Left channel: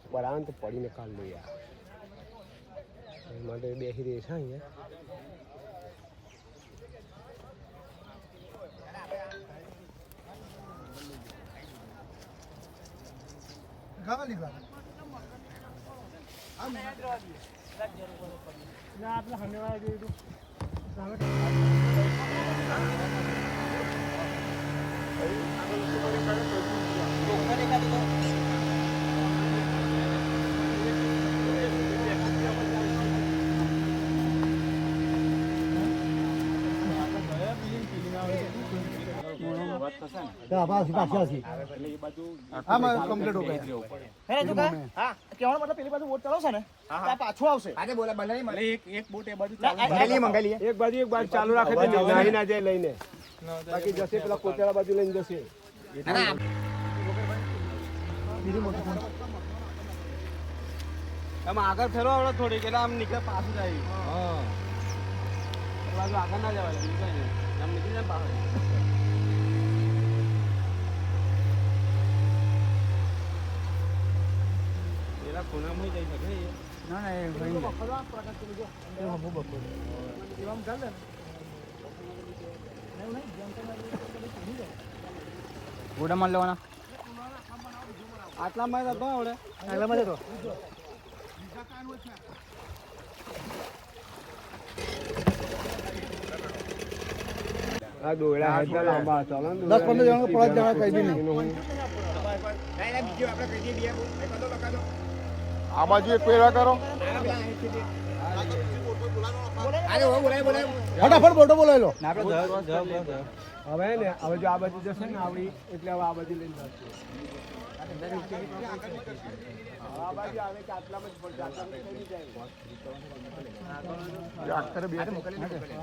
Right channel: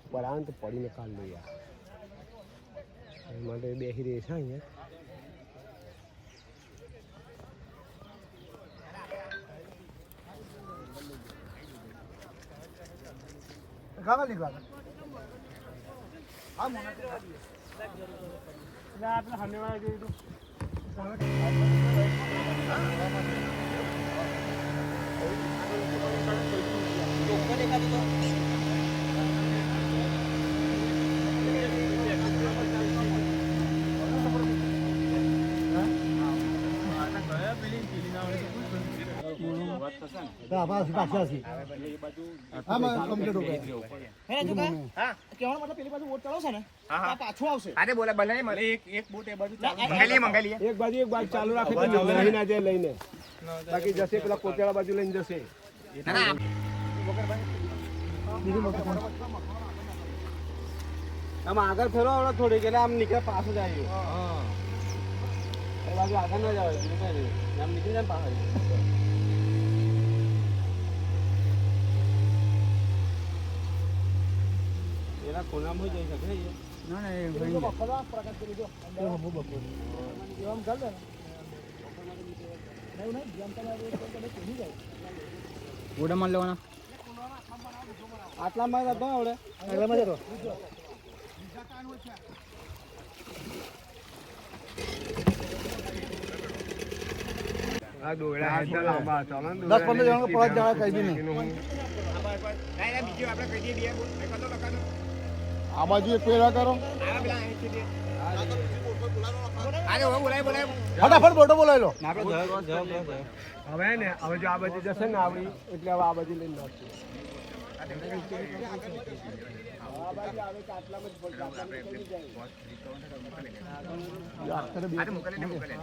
ઉપર આવે ને તો પડીને કામ લઈ આવે એ માટે બેસી રહી છે અહીંયા. ગાવા નીકળા આપણે સામે વાળા જોયું આમાં કમ્પ્લીટ હો ગયા તું કા કેવાનો મતલબ પેલી બાજુ વોટ ચડાવશે ને તો પાછો પાછું આવશે અરે બોલે બને મને એક એક બોટ એ બાજુ મંગાલી મંગાલી એક બાજુ એક બાજુ ચાલુ રાખે તો નાહી ના જાય લઈને બાકી જશે પેલો પોતાના બાજુ લઈને જશે બીજું મોટું કોણ તમે આગળ ફેરો આવડો થોડીક એટલે આમ નીકળે પાછું જાય હા આગળ ના જવાય. આમ ને ને. ના એ ભાઈ એમ ચાલે ગોડા માર લેવાના. આટલા માં હતો આવડે. આગળમાં જતો આ દોડા હે તો લાંબા ચાલો ને 10 15 જણા પહોંચ જણા કઈ બી નહીં નહીં ના ના બીજું આપણે કહી દઈએ? એક બધો લખાનો આ બાજુ એક પેલા કરો ફટાફટ ફોટો બોલાવી લો. હવે ને હવે જો આ બાજુ જશે ને આવડી એટલે હવે આ બાજુ લઈને આજે મોકલીને મોકલે